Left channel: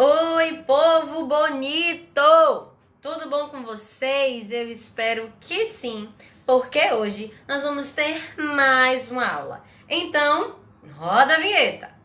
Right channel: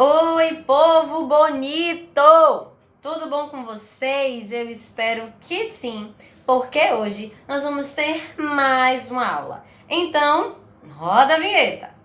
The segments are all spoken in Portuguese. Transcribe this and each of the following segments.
Oi, povo bonito! Tudo bom com vocês? Eu espero que sim, porque hoje nós vamos ter mais uma aula. Então, roda a vinheta!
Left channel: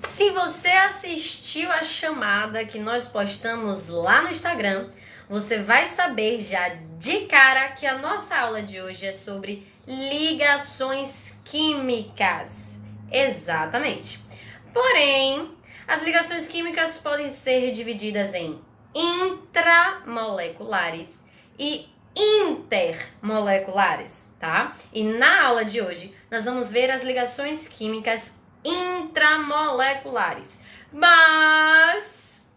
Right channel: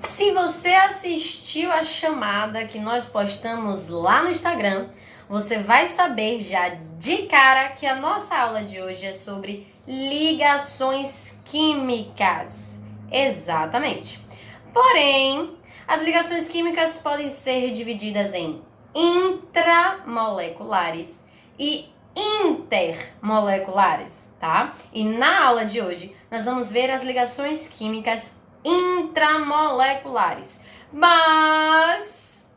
Se você assistiu a chamada que nós postamos lá no Instagram, você vai saber já de cara que a nossa aula de hoje é sobre ligações químicas. Exatamente. Porém, as ligações químicas podem ser divididas em intramoleculares e intermoleculares, tá? E na aula de hoje, nós vamos ver as ligações químicas intramoleculares. Mas,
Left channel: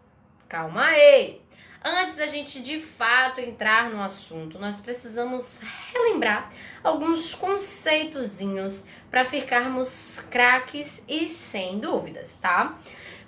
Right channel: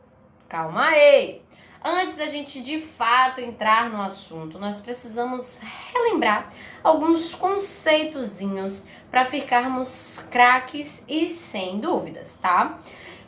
calma aí! Antes da gente de fato entrar no assunto, nós precisamos relembrar alguns conceitozinhos para ficarmos craques e sem dúvidas, tá?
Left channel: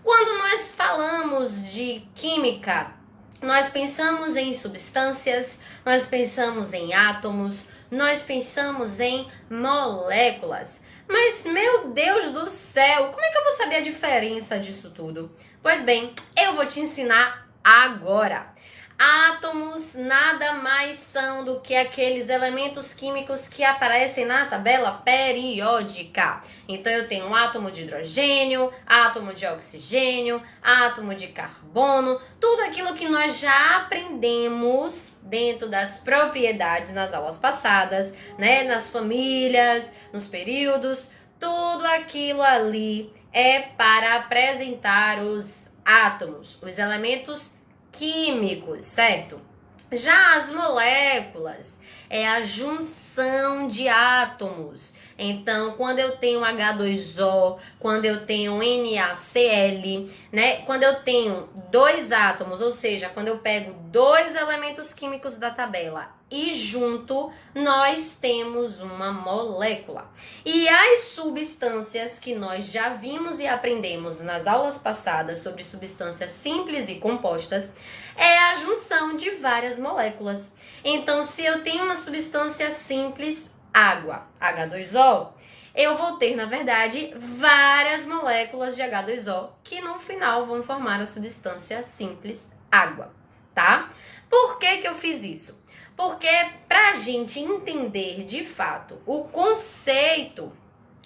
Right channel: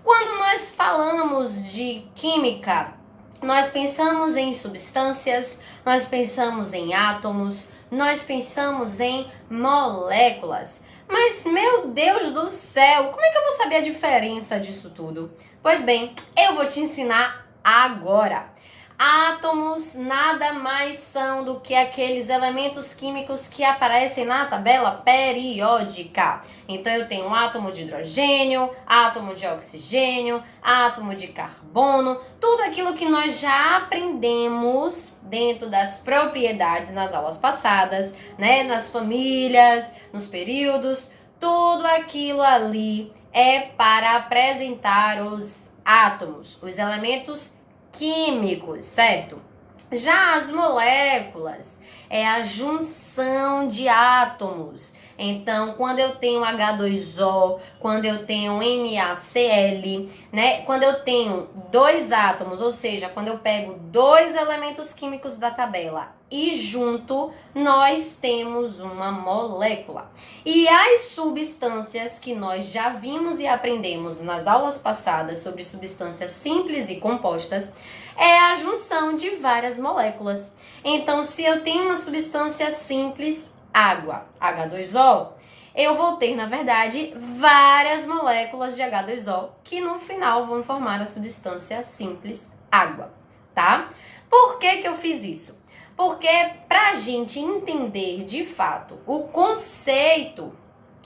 Quando nós falamos de química, nós pensamos em substâncias, nós pensamos em átomos, nós pensamos em moléculas. Mas, meu Deus do céu, como é que eu vou saber a diferença disso tudo? Pois bem, eu vou te ensinar agora. Átomos nada mais são do que aqueles elementos químicos que aparecem na tabela periódica. Então eu tenho átomo de hidrogênio, átomo de oxigênio, átomo de carbono, tudo aquilo que nós já aprendemos dentro das propriedades nas aulas passadas, né? Nas famílias, nos períodos, tudo aquilo ali é para apresentar os átomos, os elementos químicos, certo? Já as moléculas é a junção de átomos. Então, quando eu tenho H2O, quando eu tenho NaCl, né? Quando eu tenho dois átomos, ou seja, quando eu pego dois elementos químicos da tabela e junto, nós temos uma molécula. E as substâncias que nós já vimos e aprendemos nas aulas passadas sobre substâncias simples e compostas é a junção de várias moléculas. Então, se eu tenho uma substância simples, água, H2O, eu vou ter, na verdade, várias moléculas de H2O que no final vão formar a substância simples água, tá? Por que eu fiz isso? Porque para a gente entender de fato o conceito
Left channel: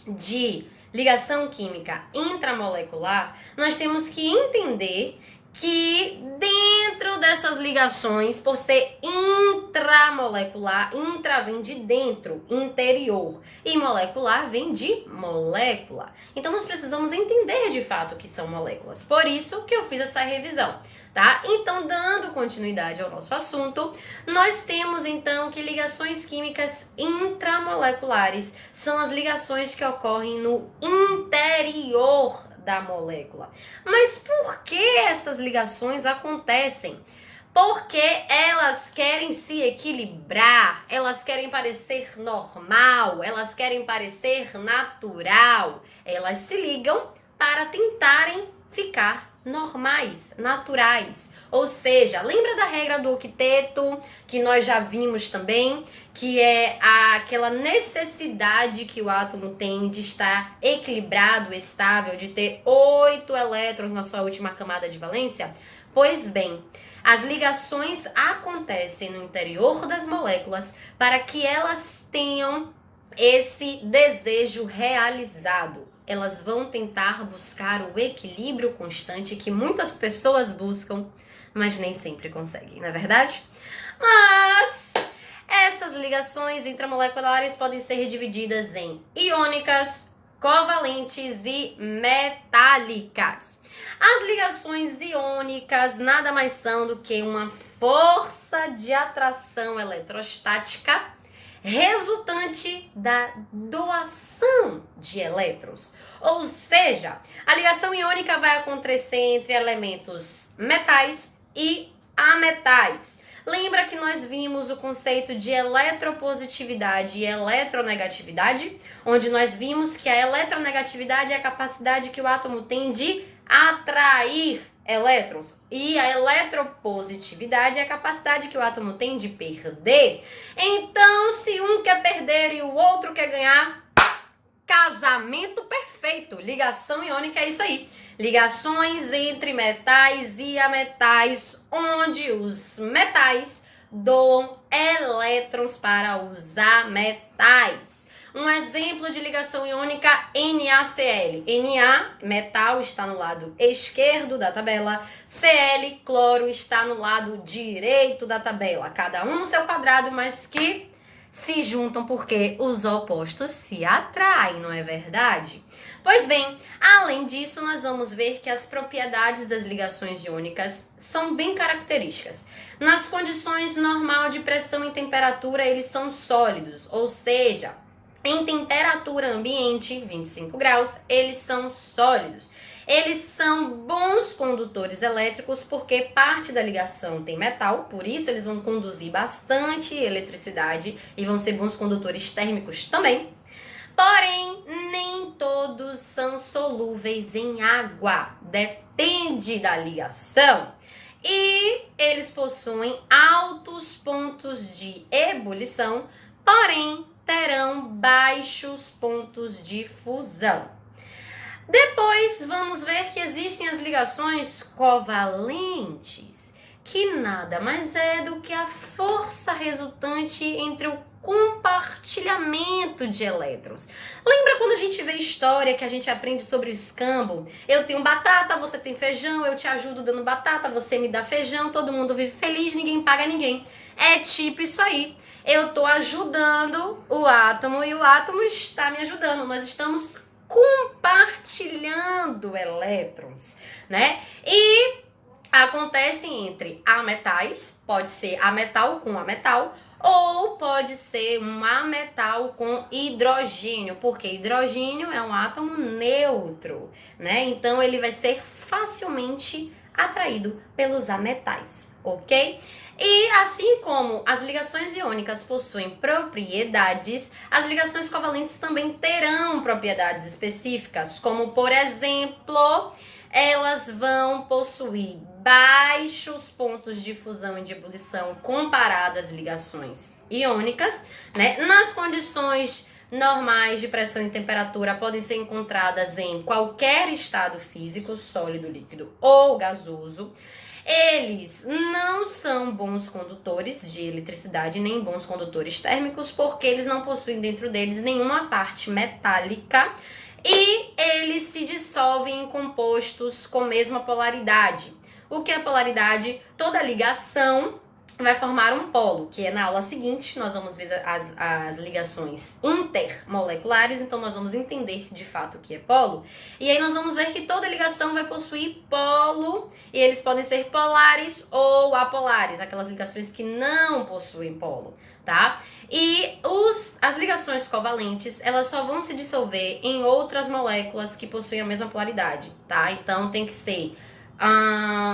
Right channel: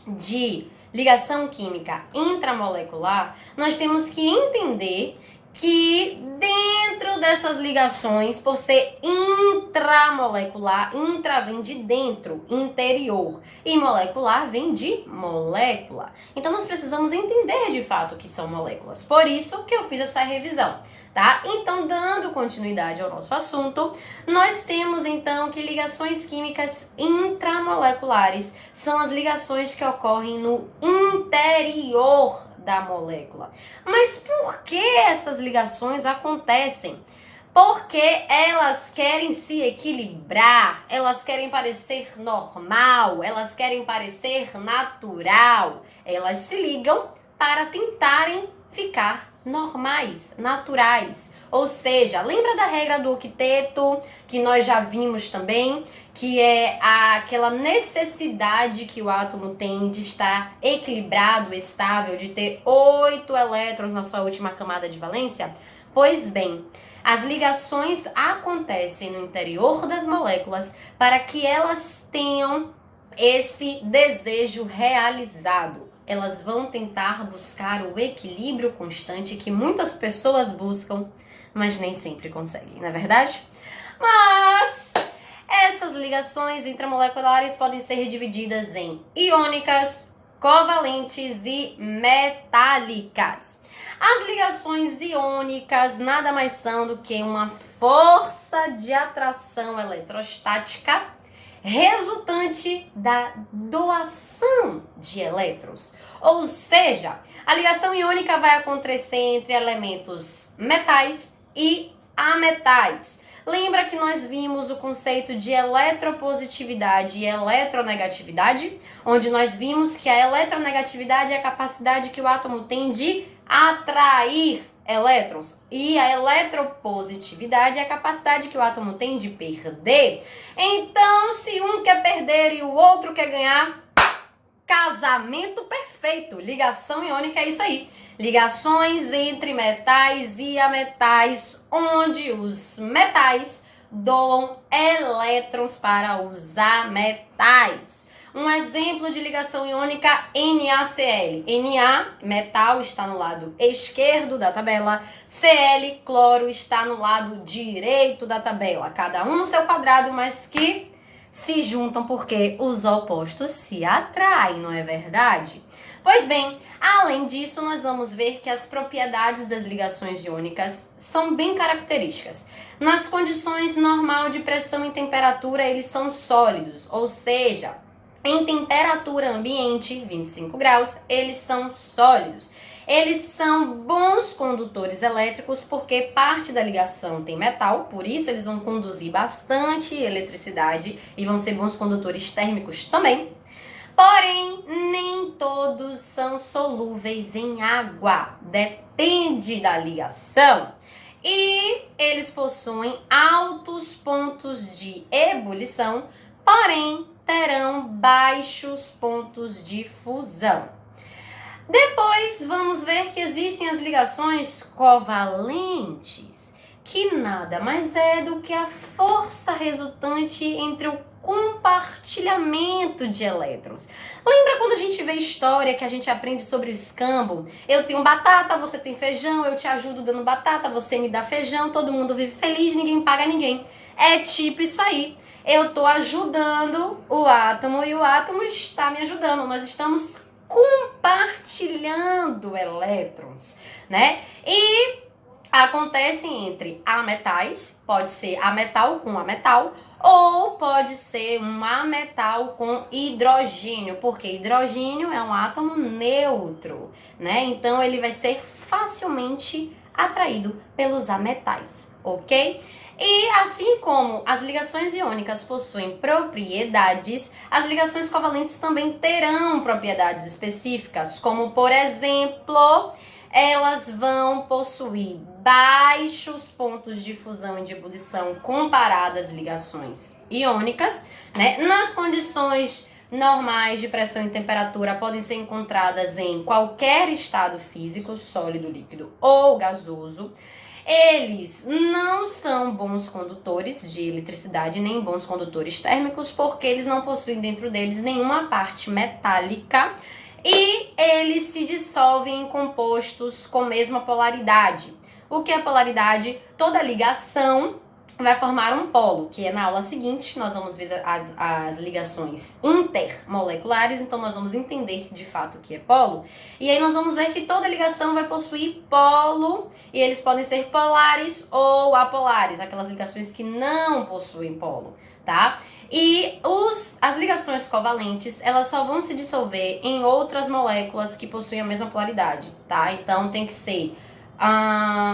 de ligação química intramolecular, nós temos que entender que dentro dessas ligações, por ser intramolecular, intra vem de dentro, interior, e molecular vem de molécula. Então nós precisamos entender de fato o que são moléculas. Por isso que eu fiz essa revisão. Tá? Então, dando continuidade ao nosso assunto, nós temos então que ligações químicas intramoleculares são as ligações que ocorrem no interior da molécula. Mas por que essas ligações acontecem? Porque elas querem se equilibrar, elas querem parecer normal, elas querem parecer natural. Elas se ligam para tentarem ficar normais, naturais. Ou seja, lembra da regra do octeto, que nós já vimos também, que é aquela necessidade que o átomo tem de estar equilibrado, estável, de ter 8 elétrons na sua última camada de valência? Pois bem, as ligações acontecem no interior das moléculas para que elas tenham esse desejo realizado. Elas vão tentar buscar o equilíbrio constante que muitas pessoas buscam, mas nem sempre conseguem, não é verdade? Mas essas ligações intramoleculares podem ser divididas em iônicas, covalentes e metálicas. As ligações iônicas nada mais são do que uma força de atração eletrostática resultante da doação de elétrons. Ou seja, a ligação iônica vai acontecer entre elementos metais e ametais. Lembra que nós vimos o conceito de eletropositividade e eletronegatividade? Onde nós vimos que a eletronegatividade é a capacidade que o átomo tem de atrair elétrons. E a eletropositividade é a capacidade que o átomo tem de perder. Então, se um quer perder e o outro quer ganhar, casamento perfeito. Ligação iônica é isso aí. Ligações entre metais e ametais, onde os metais doam elétrons para os ametais. Um exemplo de ligação iônica, NaCl. Na, metal, está no lado esquerdo da tabela. Cl, cloro, está no lado direito da tabela. Cada um no seu quadrado, mas que se juntam porque os opostos se atraem, não é verdade? Pois bem, além disso, nós vamos ver que as propriedades das ligações iônicas são bem características. Nas condições normal de pressão e temperatura, eles são sólidos, ou seja, em temperatura ambiente, 25 graus, eles são sólidos. Eles são bons condutores elétricos porque parte da ligação tem metal, por isso eles vão conduzir bastante eletricidade e vão ser bons condutores térmicos também. Porém, nem todos são solúveis em água, depende da ligação. E eles possuem altos pontos de ebulição, porém terão baixos pontos de fusão. Depois vamos ver que existem as ligações covalentes, que nada mais é do que a força resultante entre o compartilhamento de elétrons. Lembra quando a gente vê história que a gente aprende sobre o escambo? Eu tenho batata, você tem feijão, eu te ajudo dando batata, você me dá feijão, todo mundo vive feliz, ninguém paga ninguém. É tipo isso aí. Eu estou ajudando o átomo e o átomo está me ajudando. Nós estamos compartilhando elétrons, né? E acontece entre ametais, pode ser ametal com ametal, ou pode ser um ametal com hidrogênio, porque hidrogênio é um átomo neutro, né? Então ele vai ser facilmente atraído pelos ametais, ok? E assim como as ligações iônicas possuem propriedades, as ligações covalentes também terão propriedades específicas, como por exemplo, elas vão possuir baixos pontos de fusão e de ebulição comparadas às ligações iônicas, né? Nas condições normais de pressão e temperatura podem ser encontradas em qualquer estado físico, sólido, líquido ou gasoso. Eles não são bons condutores de eletricidade, nem bons condutores térmicos, porque eles não possuem dentro deles nenhuma parte metálica e eles se dissolvem em compostos com mesma polaridade. O que é polaridade? Toda ligação vai formar um polo, que é na aula seguinte, nós vamos ver as ligações intermoleculares, então nós vamos entender de fato o que é polo, e aí nós vamos ver que toda ligação vai possuir polo, e eles podem ser polares ou apolares, aquelas ligações que não possuem polo, tá? E as ligações covalentes, elas só vão se dissolver em outras moléculas que possuem a mesma polaridade, tá? Então tem que ser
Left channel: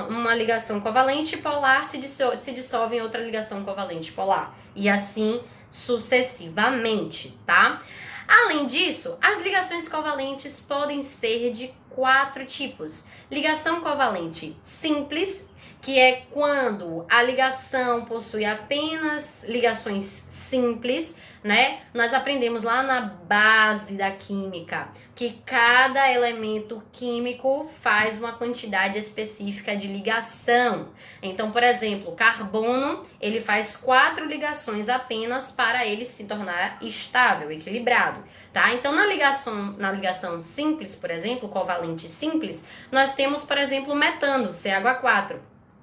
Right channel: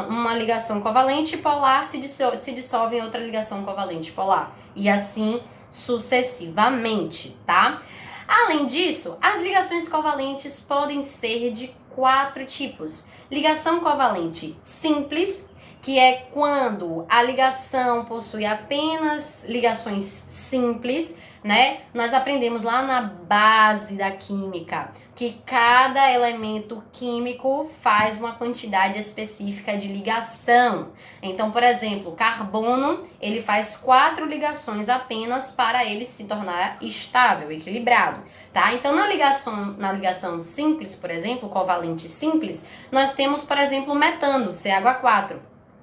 uma ligação covalente polar se dissolve em outra ligação covalente polar. E assim sucessivamente, tá? Além disso, as ligações covalentes podem ser de 4 tipos. Ligação covalente simples, que é quando a ligação possui apenas ligações simples, né? Nós aprendemos lá na base da química que cada elemento químico faz uma quantidade específica de ligação. Então, por exemplo, carbono, ele faz 4 ligações apenas para ele se tornar estável, equilibrado, tá? Então, na ligação simples, por exemplo, covalente simples, nós temos, por exemplo, o metano, CH4,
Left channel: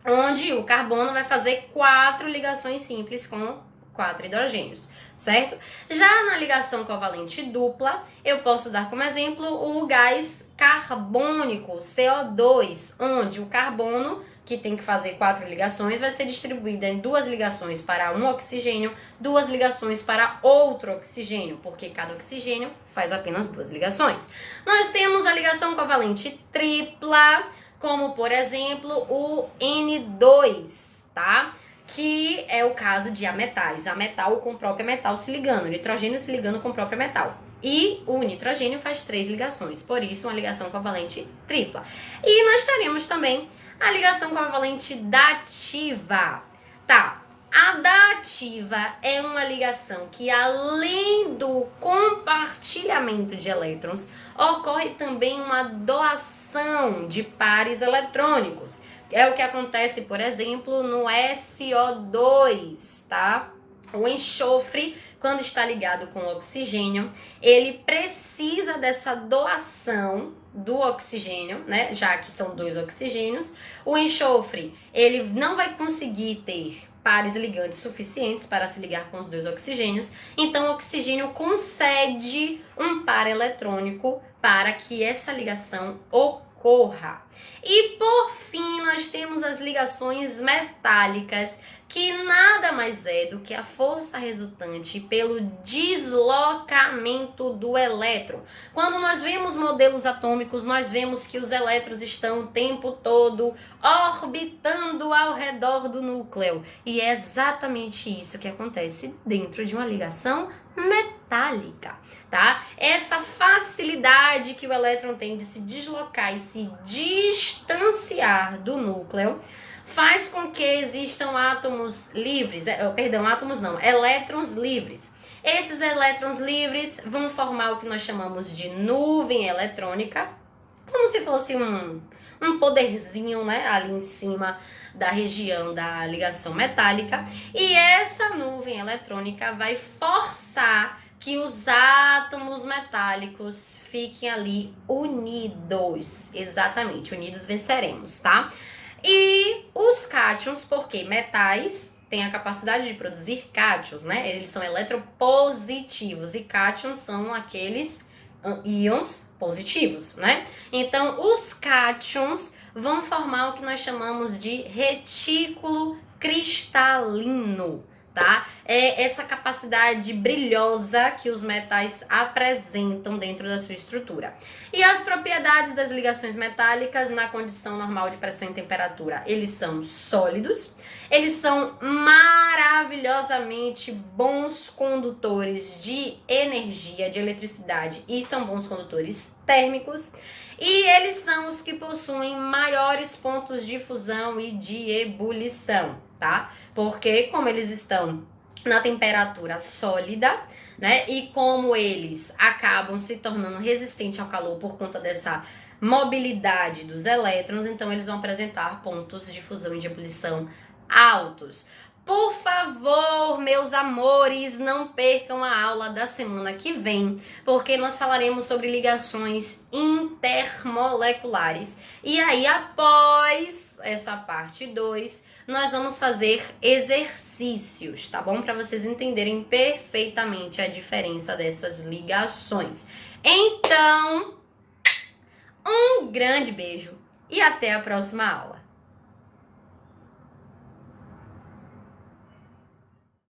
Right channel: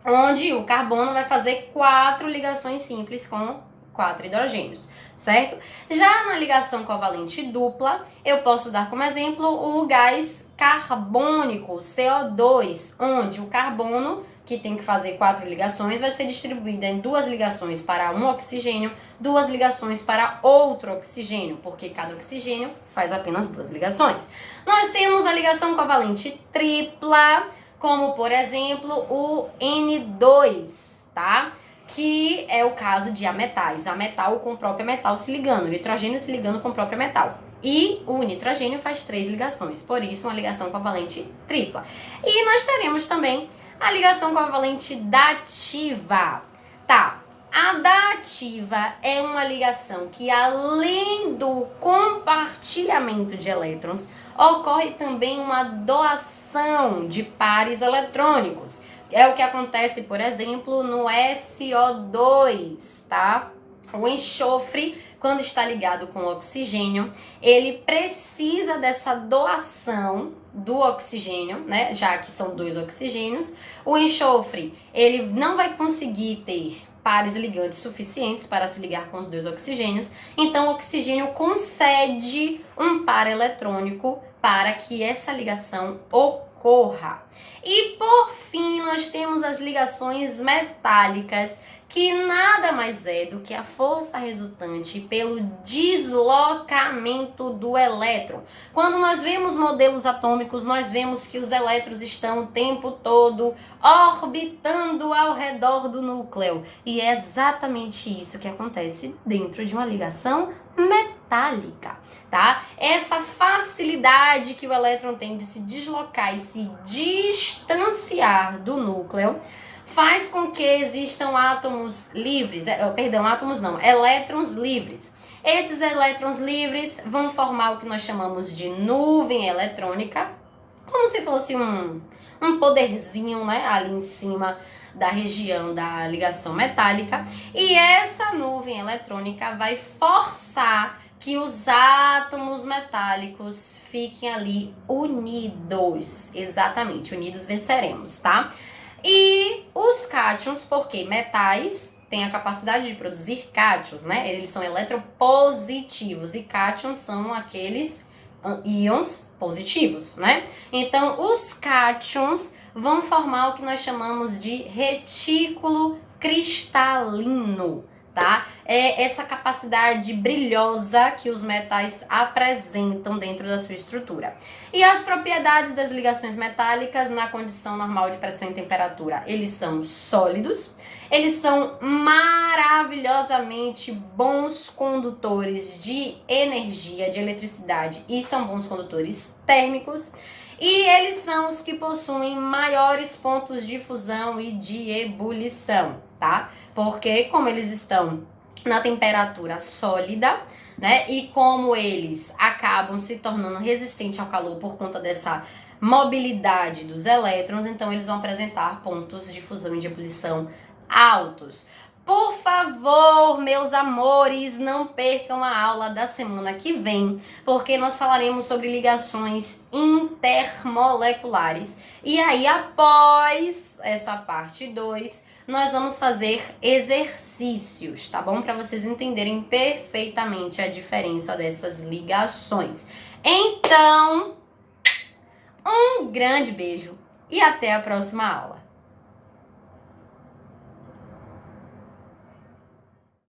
onde o carbono vai fazer 4 ligações simples com 4 hidrogênios, certo? Já na ligação covalente dupla, eu posso dar como exemplo o gás carbônico, CO2, onde o carbono, que tem que fazer 4 ligações, vai ser distribuído em 2 ligações para um oxigênio, 2 ligações para outro oxigênio, porque cada oxigênio faz apenas 2 ligações. Nós temos a ligação covalente tripla, como por exemplo o N2, tá? Que é o caso de ametais, ametal com o próprio metal se ligando, nitrogênio se ligando com o próprio metal. E o nitrogênio faz 3 ligações, por isso uma ligação covalente tripla. E nós teremos também A ligação covalente dativa. Tá, a dativa é uma ligação que, além do compartilhamento de elétrons, ocorre também uma doação de pares eletrônicos. É o que acontece, por exemplo, no SO2, tá? O enxofre, quando está ligado com o oxigênio, ele precisa dessa doação do oxigênio, né? Já que são 2 oxigênios. O enxofre, ele não vai conseguir ter pares ligantes suficientes para se ligar com os 2 oxigênios. Então, o oxigênio concede um par eletrônico para que essa ligação ocorra. E por fim, nós temos as ligações metálicas, que nada mais é do que a força resultante pelo deslocamento do elétron. Quando nós vemos modelos atômicos, nós vemos que os elétrons estão o tempo todo orbitando ao redor do núcleo. E é exatamente isso que acontece dentro de uma ligação metálica, tá? Essa facilidade que o elétron tem de se deslocar e se distanciar do núcleo faz com que existam átomos livres, elétrons livres. Esses elétrons livres vão formar o que nós chamamos de nuvem eletrônica, como se fosse um poderzinho, né, ali em cima da região da ligação metálica. E essa nuvem eletrônica vai forçar que os átomos metálicos fiquem ali unidos. Exatamente, unidos venceremos, tá? E os cátions, porque metais têm a capacidade de produzir cátions, né? Eles são eletropositivos e cátions são aqueles íons positivos, né? Então, os cátions vão formar o que nós chamamos de retículo cristalino, tá? É essa capacidade brilhosa que os metais apresentam dentro da sua estrutura. E as propriedades das ligações metálicas na condição normal de pressão e temperatura? Eles são sólidos, eles são maravilhosamente bons condutores de energia, de eletricidade, e são bons condutores térmicos. E eles são os que possuem maiores pontos de fusão e de ebulição, tá? Porque como eles estão na temperatura sólida, né? E como eles acabam se tornando resistentes ao calor por conta dessa mobilidade dos elétrons, então eles vão apresentar pontos de fusão e de ebulição altos. Por favor, meus amores, não percam a aula da semana que vem, porque nós falaremos sobre ligações intermoleculares. E aí, após essa parte 2, nós vamos fazer exercícios, tá bom? Para vocês entenderem perfeitamente a diferença dessas ligações. Então, um grande beijo e até a próxima aula.